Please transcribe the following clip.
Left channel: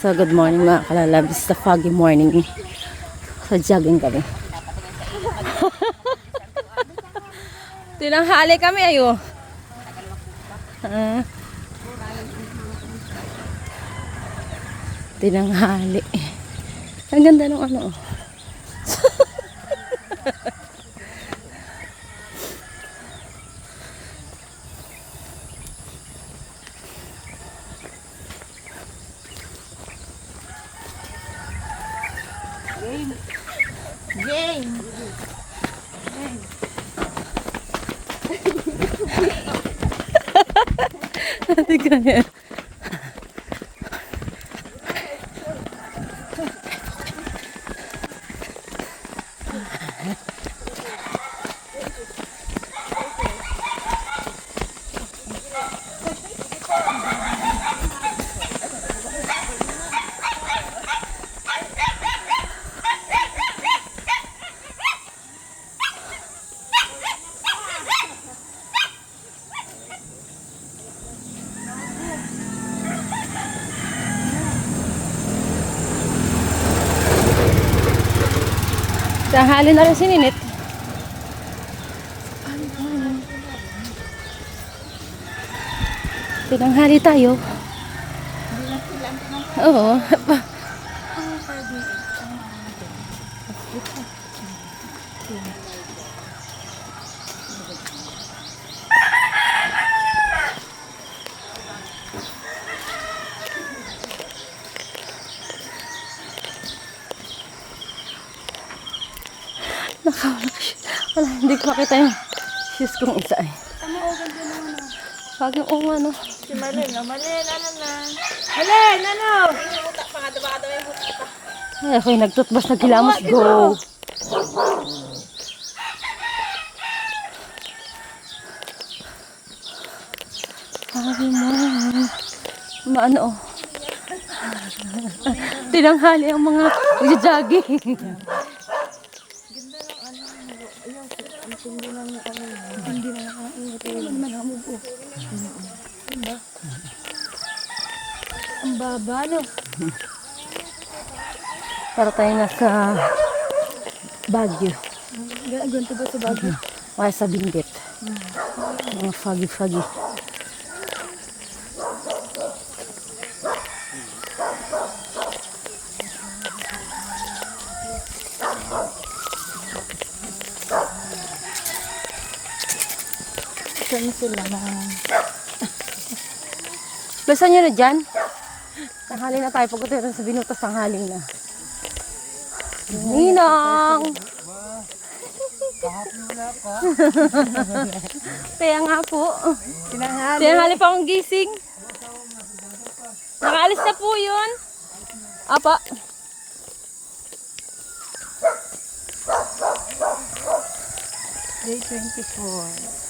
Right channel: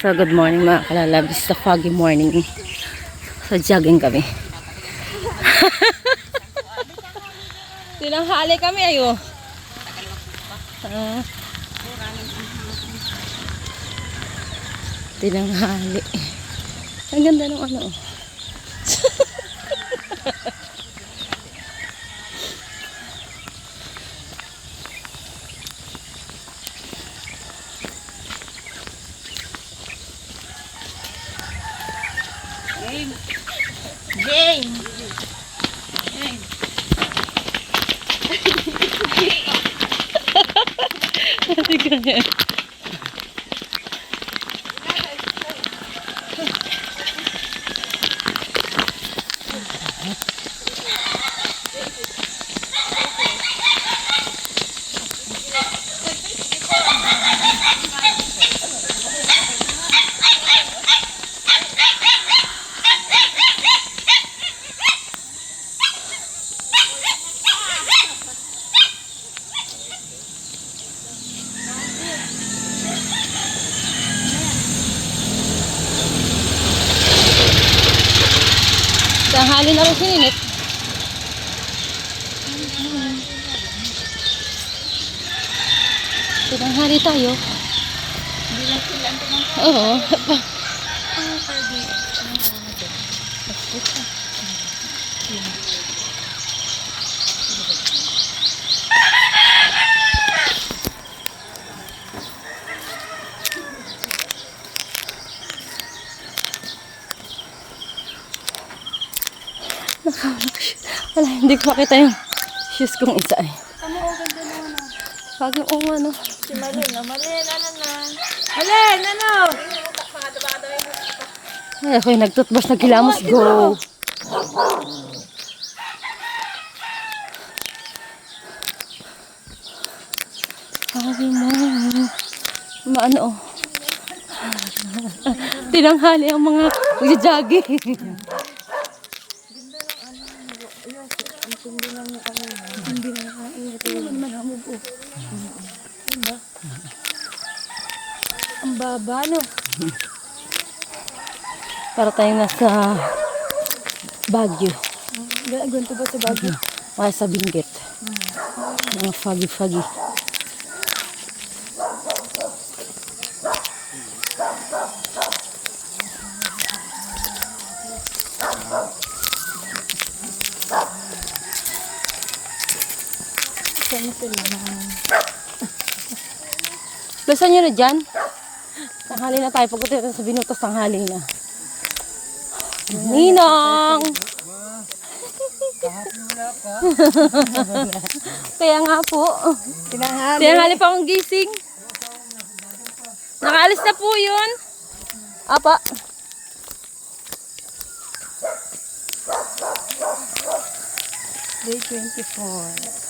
So good morning mga kalalabs, sa foggy morning. So jogging kami. Tinanghali kami ayo. Tinanghali. Ang ganda ng ano. Game. Game. Game. Hindi ganyan. Tanghali na rin sininit. Tinanghali tayo. Oo. Nakawala ko siya. Wala, hindi ko makita yung shoes kong isa. Tama o, ganda naman. Bagong ano. Si Malin, ano na? Malin, ano? Ay, ako'y nagtutbas na kilamos. Go! Sabi mo. Maano oh. Tinanghali ang mga jogging. Ang baba, no? Para tayong nasa Baguio. Ganito ba sa Baguio? Kaya sa Benguet. Mga foggy. Saan sila na? Basan nyo na dyan. Tanghali na tayo. Pagkatapos sa binutas, tanghali na. Ninong! Kaya nga po. Tinanghali pa akong gising. Nakaalis na po yun. Apa. Day 24.